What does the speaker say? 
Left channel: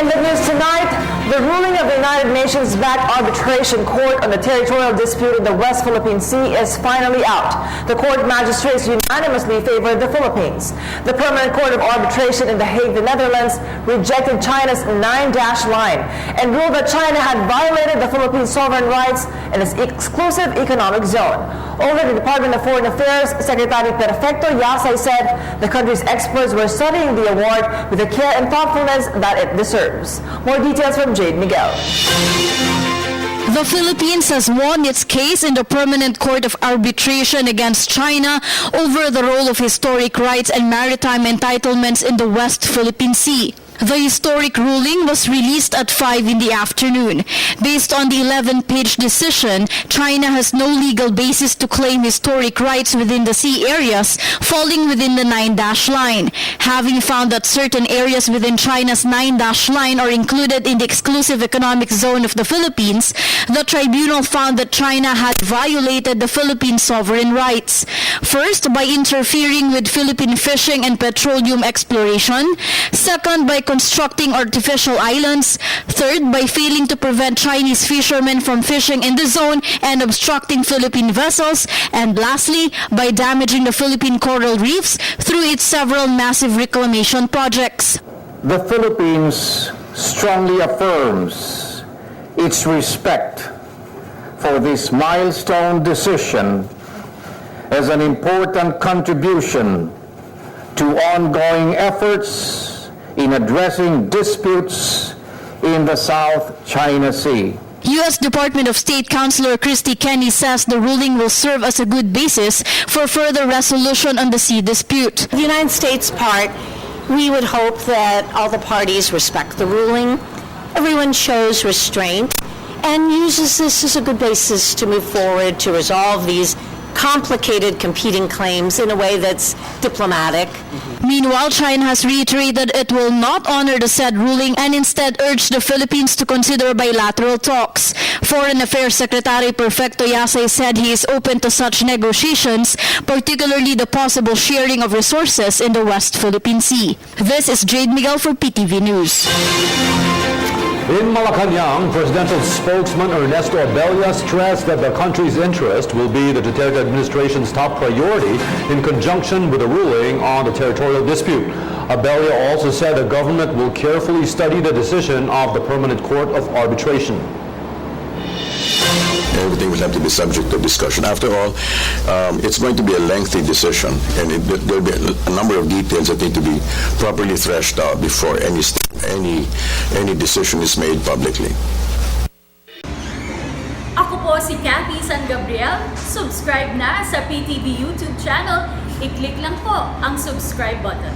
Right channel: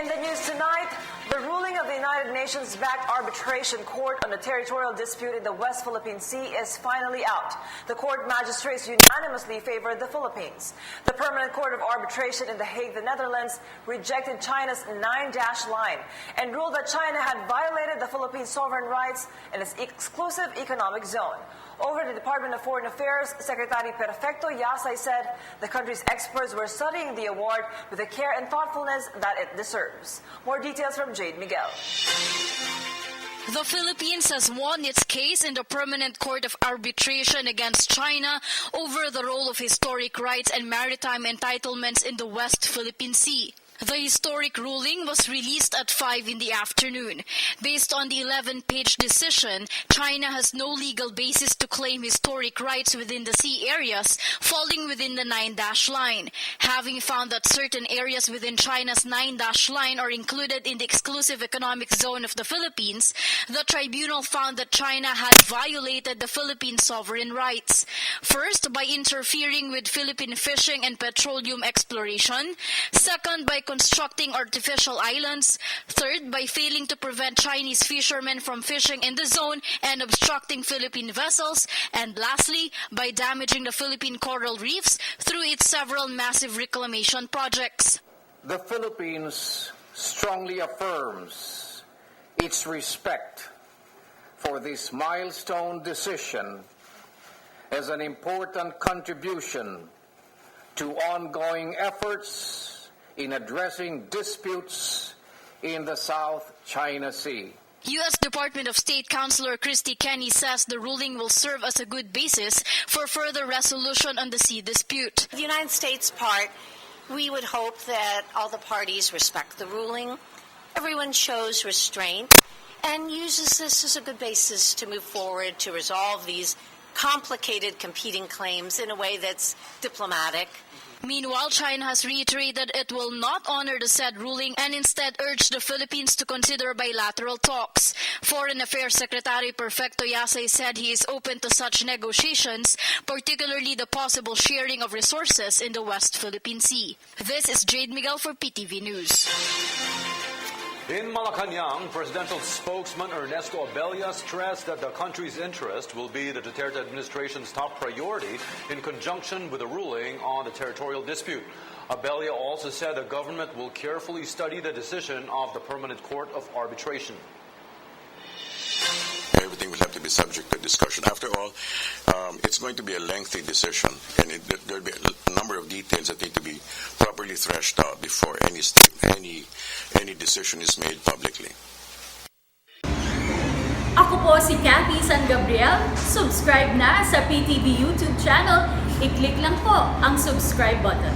In the news tonight, the ruling of the United Nations-backed arbitration court on the territorial dispute in the West Philippine Sea is finally out. The court magistrates unanimously favored the Philippines. The Permanent Court of Arbitration in The Hague, the Netherlands, rejected China's 9-dash line and ruled that China had violated the Philippines' sovereign rights in its exclusive economic zone. Over the Department of Foreign Affairs, Secretary Perfecto Yasay said the country's experts were studying the award with the care and thoughtfulness that it deserves. More details from Jade Miguel. The Philippines has won its case in the Permanent Court of Arbitration against China over the role of historic rights and maritime entitlements in the West Philippine Sea. The historic ruling was released at 5 in the afternoon. Based on the 11-page decision, China has no legal basis to claim historic rights within the sea areas falling within the 9-dash line. Having found that certain areas within China's 9-dash line are included in the exclusive economic zone of the Philippines, the tribunal found that China had violated the Philippine sovereign rights. First, by interfering with Philippine fishing and petroleum exploration. Second, by constructing artificial islands. Third, by failing to prevent Chinese fishermen from fishing in the zone and obstructing Philippine vessels. And lastly, by damaging the Philippine coral reefs through its several massive reclamation projects. The Philippines strongly affirms its respect for this milestone decision as an important contribution to ongoing efforts in addressing disputes in the South China Sea. U.S. Department of State Counselor Christy Kenny says the ruling will serve as a good basis for further resolution on the sea dispute. The United States part, we would hope that all the parties respect the ruling, everyone shows restraint, and uses this as a good basis to move forward to resolve these complicated competing claims in a way that's diplomatic. Meanwhile, China has reiterated it will not honor the said ruling and instead urged the Philippines to consider bilateral talks. Foreign Affairs Secretary Perfecto Yasay said he is open to such negotiations, particularly the possible sharing of resources in the West Philippine Sea. This is Jade Miguel for PTV News. In Malacanang, presidential spokesman Ernesto Abella stressed that the country's interest will be the Duterte administration's top priority in conjunction with the ruling on the territorial dispute. Abella also said the government will carefully study the decision of the Permanent Court of Arbitration. Everything will have to be subject to discussion. After all, it's going to be a lengthy decision, and there will be a number of details that need to be properly threshed out before any decision is made publicly. Ako po si Cathy San Gabriel. Subscribe na sa PTV YouTube channel. I-click lang po ang subscribe button.